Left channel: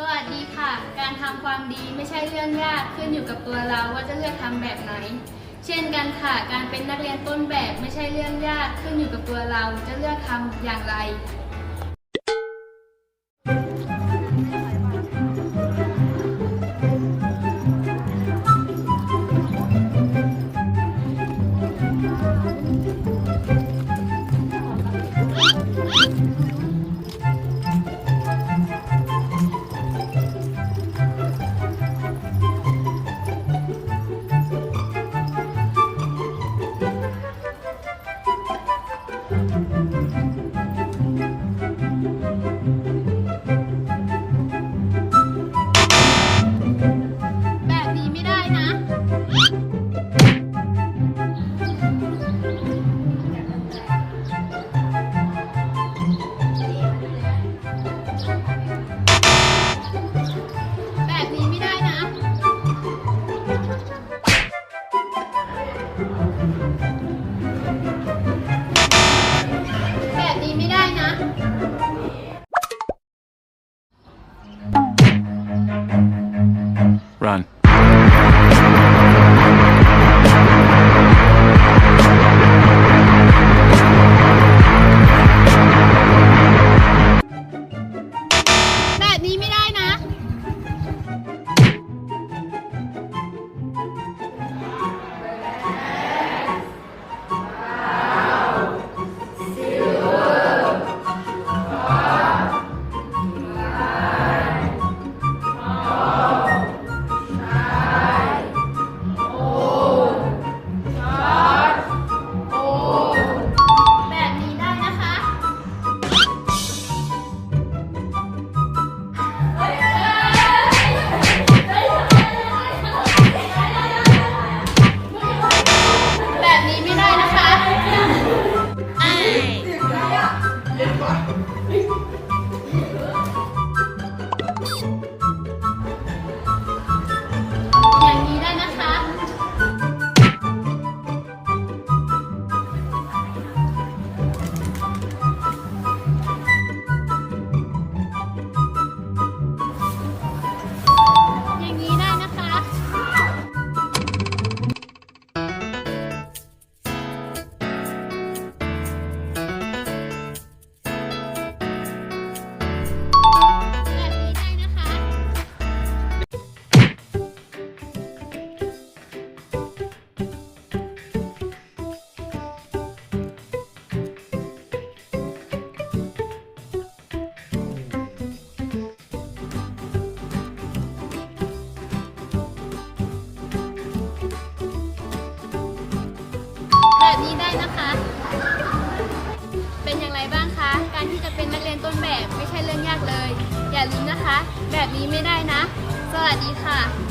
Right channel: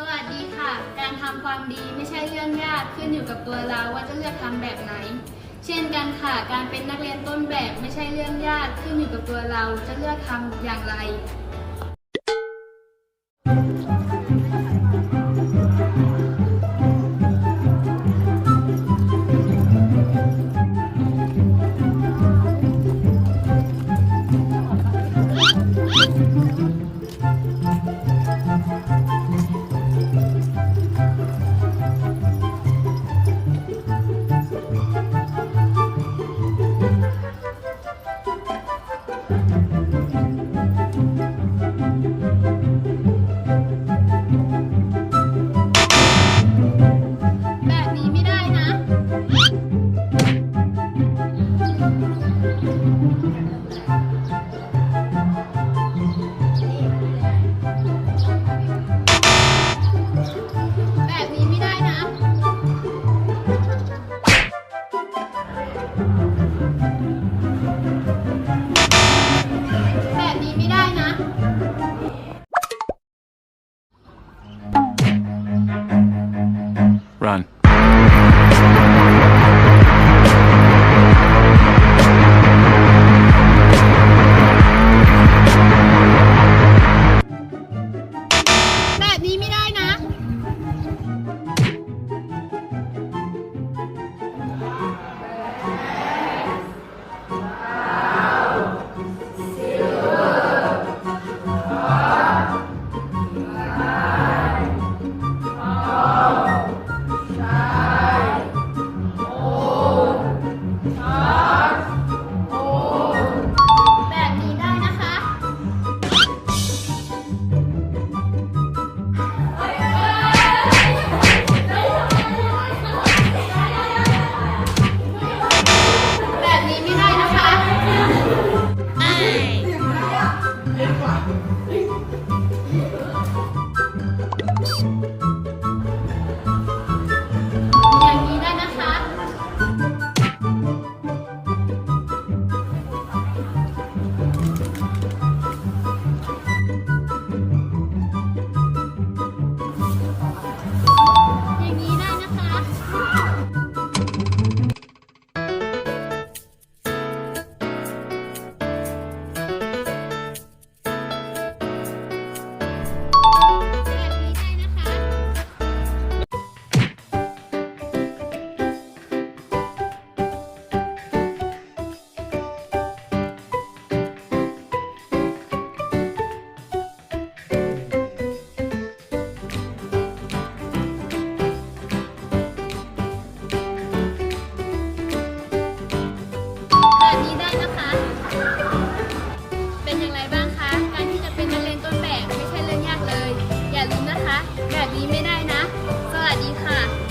สวัสดีค่ะ การทำความดีไม่ใช่เรื่องยากขึ้นอยู่กับตัวเราว่าจะเลือกทำแบบไหน เช่นกันค่ะ การเป็นนักเรียนต้นแบบไม่ใช่เรื่องยากขึ้นอยู่กับตัวเราจะเลือกทำอย่างไร Música เป็นอย่างไรบ้างคะ การที่จะเป็นนักเรียนต้นแบบไม่ใช่เรื่องยากเลย อย่าลืมนะคะ แบบนี้ไม่ได้นะ สวัสดีค่ะ